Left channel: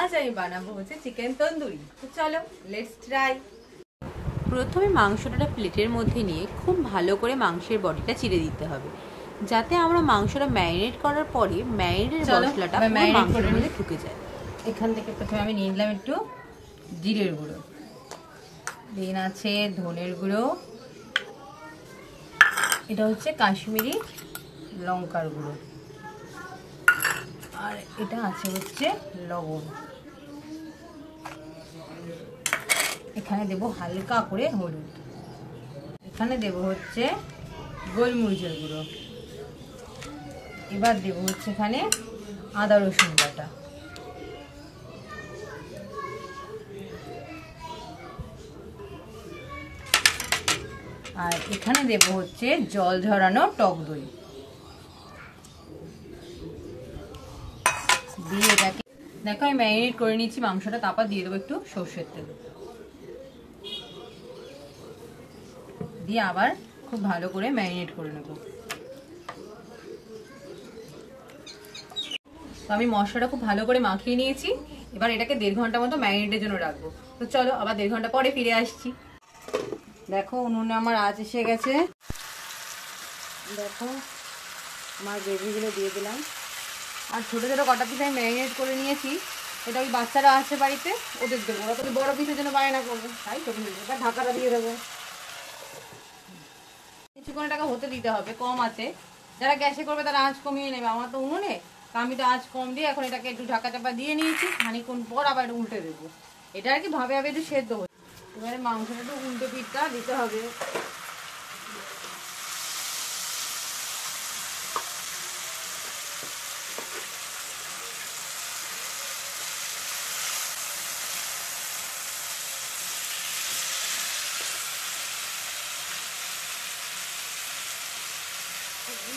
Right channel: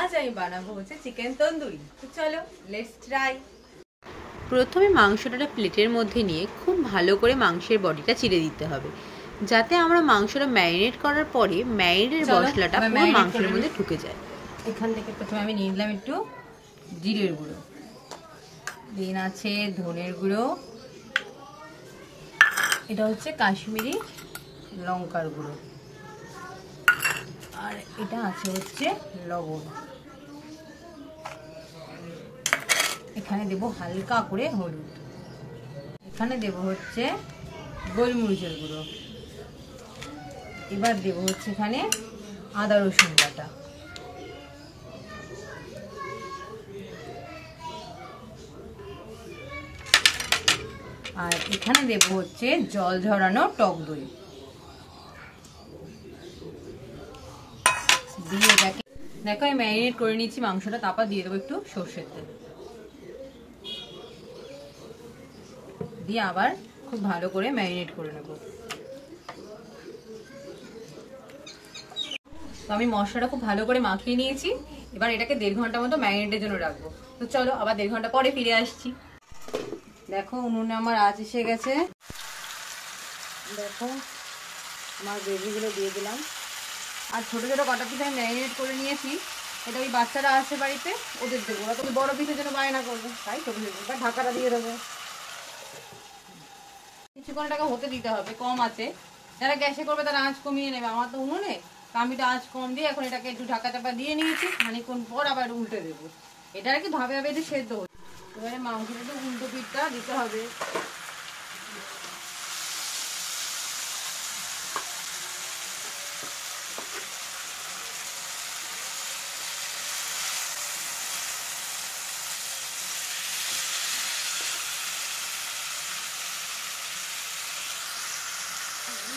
আজ আমি বানাবো হচ্ছে চিকেন তন্দুরি। তো চলো লেটস ট্রাই। প্রথমে মাংসটা প্লেটের মধ্যে নিয়ে খুব ভালো করে মাংসের বডিটা চিড়ে দিতে হবে, যাতে আমরা মাংসটা ম্যারিনেট করার পরে ম্যারিনেটের মশলাটা পুরো মাংসের মধ্যে ঢুকে যায়। এখান থেকে প্রথমে আমি নিয়ে নিলাম একটু জিরের গুঁড়ো, দেন আছে ধনের গুঁড়ো, এটা হচ্ছে কাশ্মীরি লঙ্কার গুঁড়ো, আর এটা আছে হচ্ছে লবণ। এখানে দেব হালকা করে হলুদ, এখানে দেব হচ্ছে গোলমরিচের গুঁড়ো, এবার দেব হচ্ছে এখানে আদা রসুন বাটা, আর এখানে দেব হচ্ছে জল ঝরানো টক দই দিয়ে এটাকে দেখো আমি ম্যারিনেট করে নিচ্ছি মাংসটা। তারপর দিয়ে দেবো একটু সর্ষের তেল, দিয়ে আবার খুব ভালো করে ম্যারিনেট করে নেব। তো আমি মশলাটা খুব ভালো করে মাখিয়ে নিয়েছি, এবার এটাকে 1.5 ঘন্টা মতো ম্যারিনেটের জন্য রাখবো। তো চলো আবার 1.5 ঘন্টা পরে ফিরে আসছি। দেখো উনুনে আমার আঁচ এসে গেছে, দেখো আমার গ্রেভিগুলো দিয়ে দিলাম। আর ছোটো ছোটো কটা পিস আমি ম্যারিনেট করে নিয়েছি, ওটা ওই বাচ্চারা আসে বাড়িতে ওদের দেবো, ওরা তো বড় পিসের জন্য বায়না করবে, তাই ছোটো ছোটো এবার ঢাকাটা দিয়ে দেবো। কিছুক্ষণ টাকা হতে দিতে হবে, কম আছে। যারা গ্যাসে করবে তারা আঁচ কমিয়ে নেবে, আমার তো উনুনে, আমি তো আঁচ কম দিয়ে এখন এটাকে একটু ঢাকা চাপা দিয়ে নিয়েছি। খানিক্ষণ পর আবার উল্টে দেবো, এটা আর কি ভাবে ভাবে একটু সেদ্ধ হচ্ছে। এবারে মাংসটা একটু উল্টো পিঠটা দিতে হবে।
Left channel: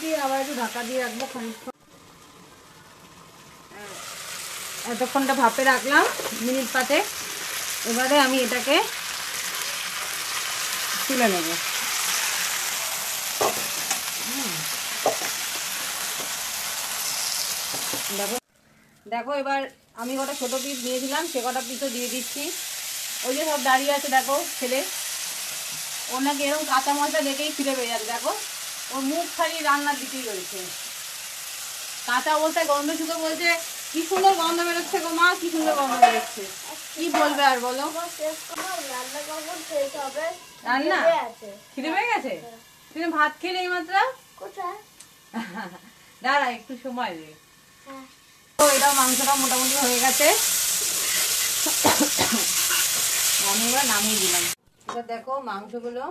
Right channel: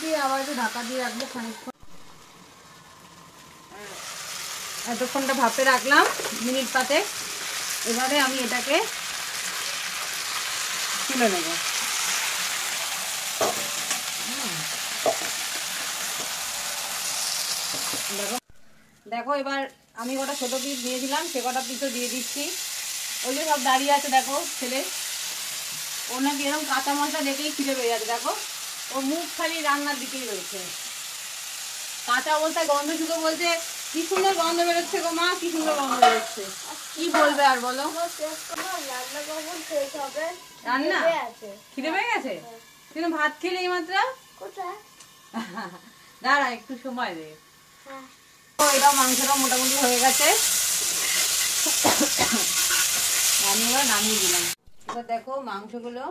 দিয়ে আবার একটু ঢাকা দিয়ে রাখবো খানিকক্ষণ, অতক্ষণটা ভাপে রাখলাম মিনিট 5। এবারে আমি এটাকে তুলে নেব। দেখো দেখো এবার আমি কটা ছোটো পিস দিয়েছিলাম, সে কটা পিসও দিয়ে দিচ্ছি। ওই যে সব দাঁড়িয়ে আছে দেখো ছেলে, ওর নাকি এরকম কাঁচা মশলা দেখেই ছিঁড়ে বেড়ে যাবে। দেখো ওর মুখ খালি রান্নার দিকেই রয়েছে, কাঁচা অবস্থায় গন্ধ শুধু বলছে কি সুন্দর গন্ধ বেরোচ্ছে গো মা, কি সুন্দর গন্ধ বেরোচ্ছে। কি বলবে আর বলো, রান্না খিদে পেয়ে গেছে? তুমি ভাত খেলে এই মাত্র? দাঁড়া একটু সময় দে। এটা মাংসটা মোটামুটি হয়ে গেছে, আমি এবার নামিয়ে দিলাম। এবার দেখো মাংসগুলো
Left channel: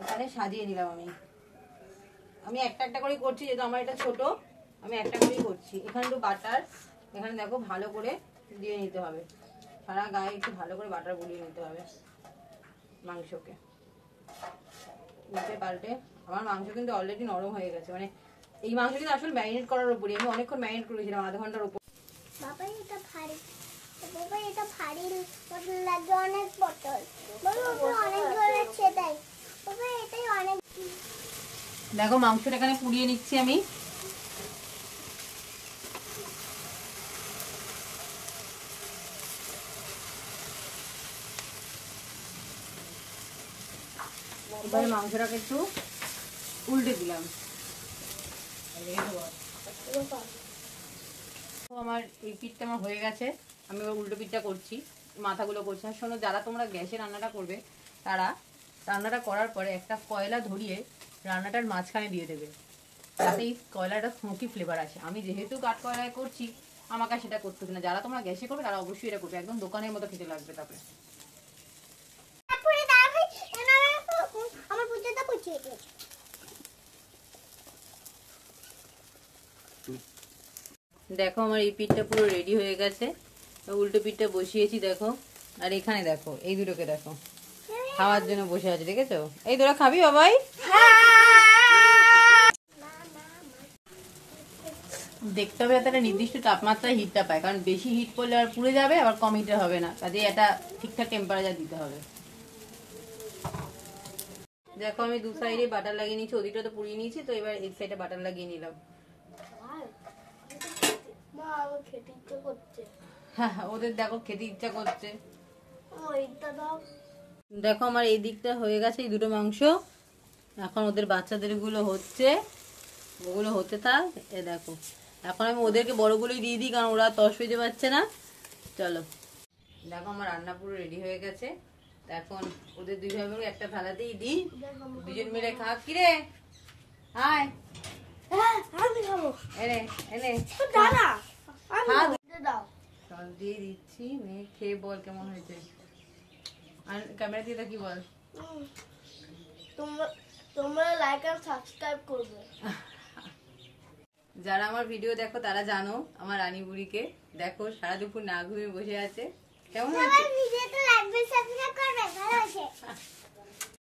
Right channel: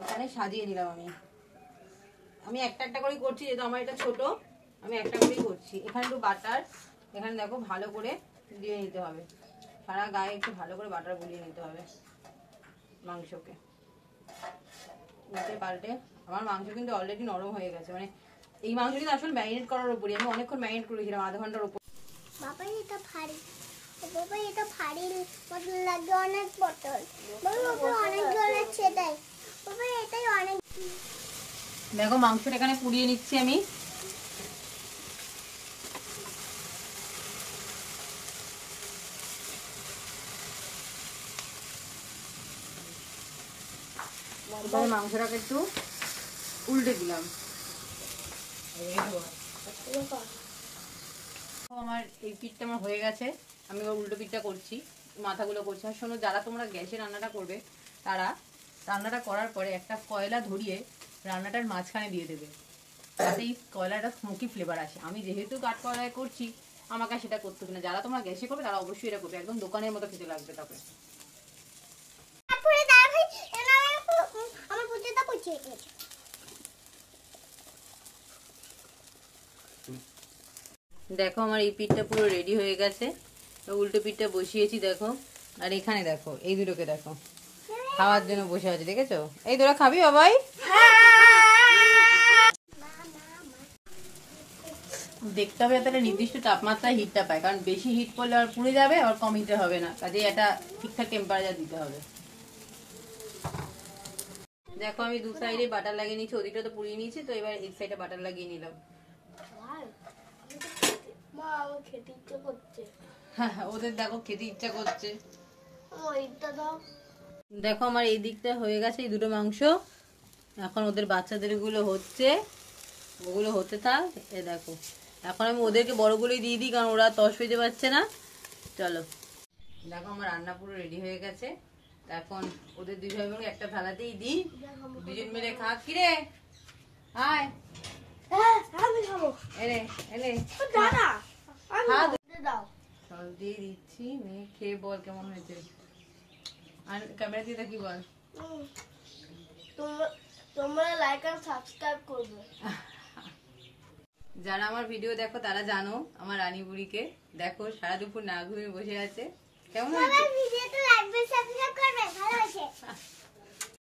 ওখানে সাজিয়ে নিলাম। আমি একটা একটা করেই করছি, যেহেতু আমার এটা ছোট আমি একটা করেই করছি। এখানে একটু বাটার, এখানে দেখো ভালো করে দিয়ে নিতে হবে, সারা গায়ে একটু ভালো করে বাটার বুলিয়ে নিতে হবে মাংসকে। উল্টে পাল্টে আমার মাংস কিন্তু অলরেডি নরম হয়ে গেছে, মানে এই মাংস কিন্তু আসলে ম্যারিনেট করার উপরই, আমি অনেকক্ষণ ম্যারিনেট করেছিলাম, আধা ঘন্টার উপর। দেখো মাংসটা এখানে পুড়িয়ে নিচ্ছি আমি। এবারে মাংসটাকে একটু উল্টে দিলাম। আমার এই পিঠটা আমার হয়ে গেছে, আমি এবার উল্টো পিঠটা করছি, মাথাগুলো করছি। আর শোনো, যারা তোমরা গ্যাসে রান্নাটা করবে তারা রান্নাটা করার পরে একটা কয়লা ধরিয়ে রান্নাটার মাঝখানে দিয়ে দেবে, তাতে এই কয়লাটা স্মোকি ফ্লেভার আসে। আমি যেহেতু কাঠ কয়লায় করছি আমাকে সেটা করতে হবে না। যারা তোমরা গ্যাসে করবে তারা অবশ্যই এটা করবে, একদম দোকানের মতো খেতে লাগবে। তারপরে দেখো আমার এই পিঠটা পুরো রেডি হয়ে গেছে, উল্টো পিঠটা বসিয়েছি দেখো। আর এখানে দেখো এই দুটোকে দেখো খাওয়ার জন্য বসে আছে, দেখেছো? এই তোরা খাবি বাবাই? দেখতে হবে একটা নির্দিষ্ট তাপমাত্রায় হিটটা পায়, কারণ বেশি হিট করলে আর পুড়ে যাবে, আবার কম হিটে হবে না, কাজে এটা ঠিকঠাক টেম্পারেচার দিতে হবে। দেখো আমি দু সাইডে বাটার লাগিয়ে নিয়েছি, ওদিকটা তো পুড়িয়ে নিয়েছি, তো এবার এক সাইডে বাটার লাগিয়ে নিলাম। ওদের দেখো খেতে ইচ্ছা করছে। ওইটা দাও। দেখো আমার এই দিকটা হয়ে গেছে, এই দুটো মাংস। এখন ওদের বাচ্চাদের গুলো হচ্ছে, ওগুলো হতে থাক। এ দেখো এখন আমি ওদেরকে বড়গুলোই দিয়ে দিই, কারণ ওরা তস হইতে পারছে না। চলো দেখো আমার রান্না পুরো রেডি হয়ে গেছে। এখন ওদের দুই ভাই বোনকে একটা থালাতেই দিই, দুজন মিলে খা। কিরে আয়, হ্যাঁ আমি খাবো। এনে এনে দাঁড়া আমি খা। দাও। চল দিয়ে দিচ্ছি, নে খেয়ে বল কেমন হয়েছে। আর ক্যামেরা দিয়ে কি বল। তোমরা তোমরা লাইক আর সাবস্ক্রাইব করবে। যারা আমার ভিডিও দেখো তারা জানো আমার রানী বুড়িকে। দেখো সারা দুপুর না ঘুমিয়ে বসে আছে। কেমন হয়েছে? ভিডিওটা লাইক আর সাবস্ক্রাইব করবে, ভালো আছে।